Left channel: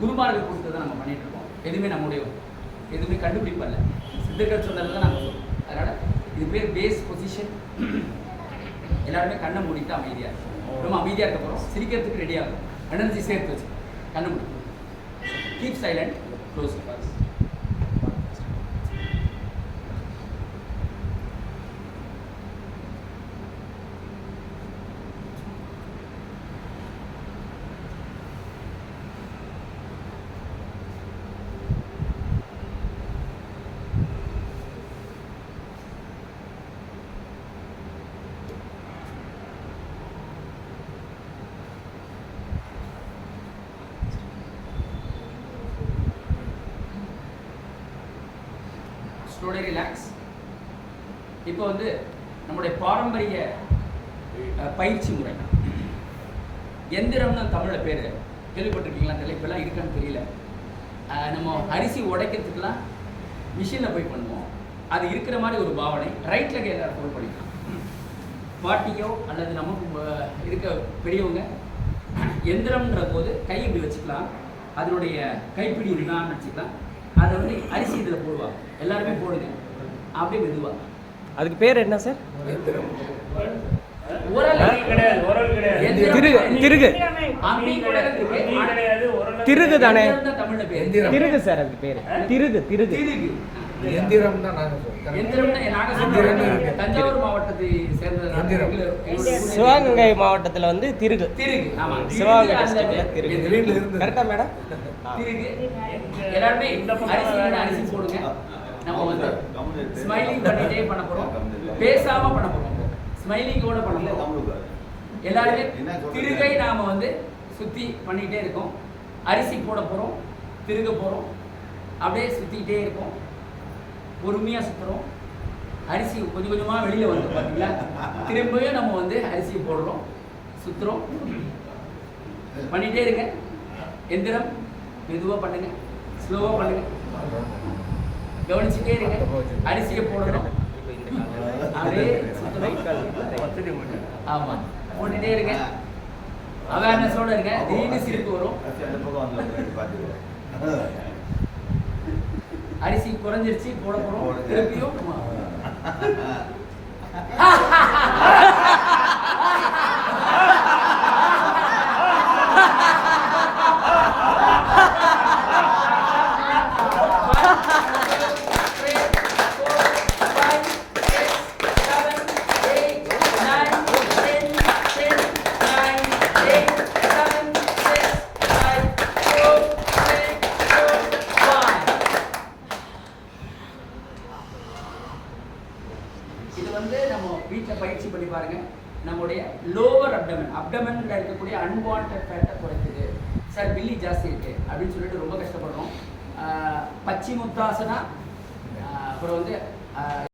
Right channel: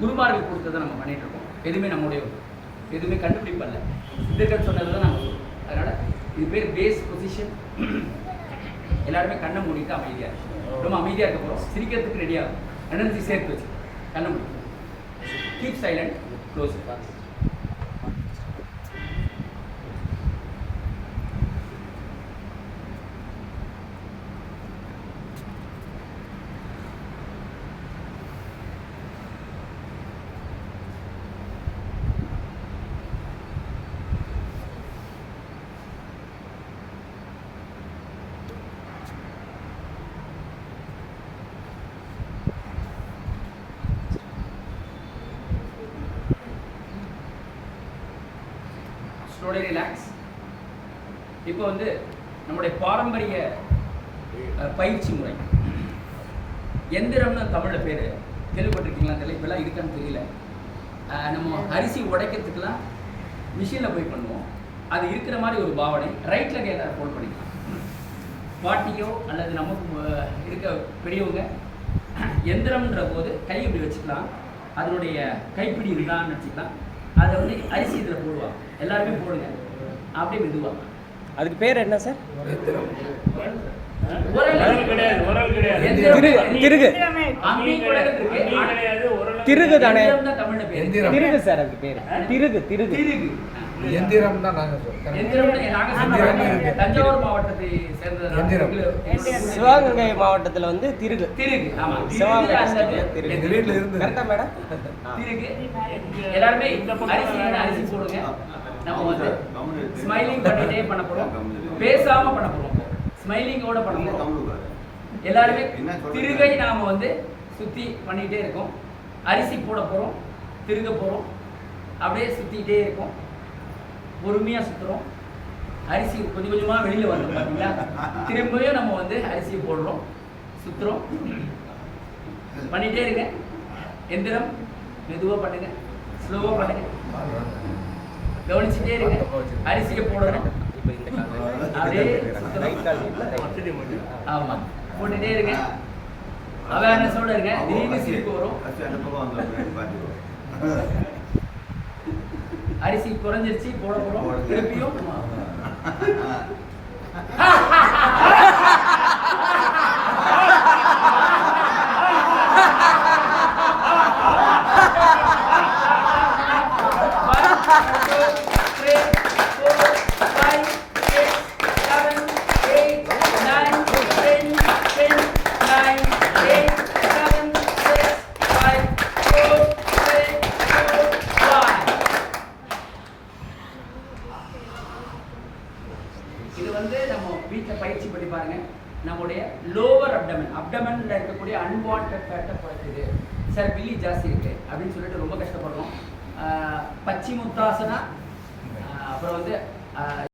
குருமார்கள் கொடுத்ததை நம்ம பண்ணிட்டு இருக்கோம். எதுவுமே நம்முடைய எதுவுமே கண்டுபிடிப்பல்ல, சித்தர்கள் சொன்னதை தான் நம்ம சொல்லுவோம். அதனால் இது பேர் பேஸ் பொசிஷன். எல்லாருமே கண்ணை மூடிட்டு அமைதியாக இருக்கும். ரொம்ப அமைதியாக இருக்க போகிறோம். சிரிக்கிறதுக்கு ரெடியாகும். எனர்ஜி சேர்த்து வச்சு கண்ணை மூடி. Keep silent, close. Slowly relax. இப்போ வந்து நம்முடைய பாரம்பரிய பயிற்சி முறை எந்திரம்னு தமிழில் பேர் கேள்விப்பட்டிருக்கீங்களா தெரியல, இப்போல்லாம் இருக்கான்னு தெரியல. நம்ம அரிசி உடைக்கிறதுக்கெலாம் மிஷினில் போய் பண்ணுவோம். அது இருக்கிற மாதிரி ஒரு பாவனை. ரைட்டில் கையில் ஃபோல்ட் பண்ணிக்கலாம். பாட்டியோ அல்லது நமக்கு இருக்க பெரியவங்க எந்திரம்ன்ற போது கை இப்படி வச்சுக்கலாம். அதனுடைய கைப்பிடி இருந்தான்னு வச்சுக்கலாம். அதை வந்து அரிசி இதில் போடுவாங்க. எல்லாருமே போடுங்க அப்படியே மெதுவாக. அதுக்கு பேர் என்ன சார்? திருகு தானே தமிழ்ல பேர். திருகு சார், அதுக்கு பேர் திருகு. திருகு எந்திரம் தான் நாங்க தஞ்சாவூர் மாவட்டத்தை சேர்ந்த சிவகங்கை மாவட்டத்தில் வந்து திருகு. திருகு ஆமா, கரெக்டா மேடம்? திருகு. எல்லாருமே அரிசி போடுங்க. நம்ம வந்து ஸ்மைலிங் பண்ணிட்டே பண்ண போறோம், பேசாம பண்ண போறோம். ஸ்மைலிங்கோட பண்ண போறோம். எல்லாருமே திருகை நாம வந்து சுத்தி பண்ணிட்டே இருக்கோம். அரிசி போட போறோம், திருக போறோம், அப்படியே சுத்திட்டே இருக்கோம். பொறுமையா சுத்துறோம். அரிசி கொஞ்சம் கொஞ்சமா வெளியில வந்து பாத்தீங்களா? திரும்பியும் நம்ம வந்து அரிசி போடுறோம், சுத்துறோம், பண்ணிட்டே இருங்க. எந்திரம் மெதுவா பண்ணுங்க, ஸ்லோவா பண்ணுங்க, கவனிச்சுட்டே இருங்க. அரிசியை போடணும், அப்படியே ஆமா போட்டுட்டே இருங்க. அவேர்னஸோட இருங்க. திடீர்னு சிரிப்பு வரும். அரிசி குறைஞ்சிருச்சு, போட போறோம். திருப்பியும் இது வந்து நம்ம வீட்டில் பயிற்சி பண்ணி பாருங்க. நம்முடைய லோவர் அப்டமன்ல இருக்கக்கூடிய அன்வான்ட் ஃபேட்டை குறைக்குது. சார் பில்லி ஜாஸ்தி இருக்கு அப்படின்னு சொல்லிட்டு ரொம்ப கஷ்டப்படுறோம். பச்சி முத்தாசனா, அப்புறம் வந்து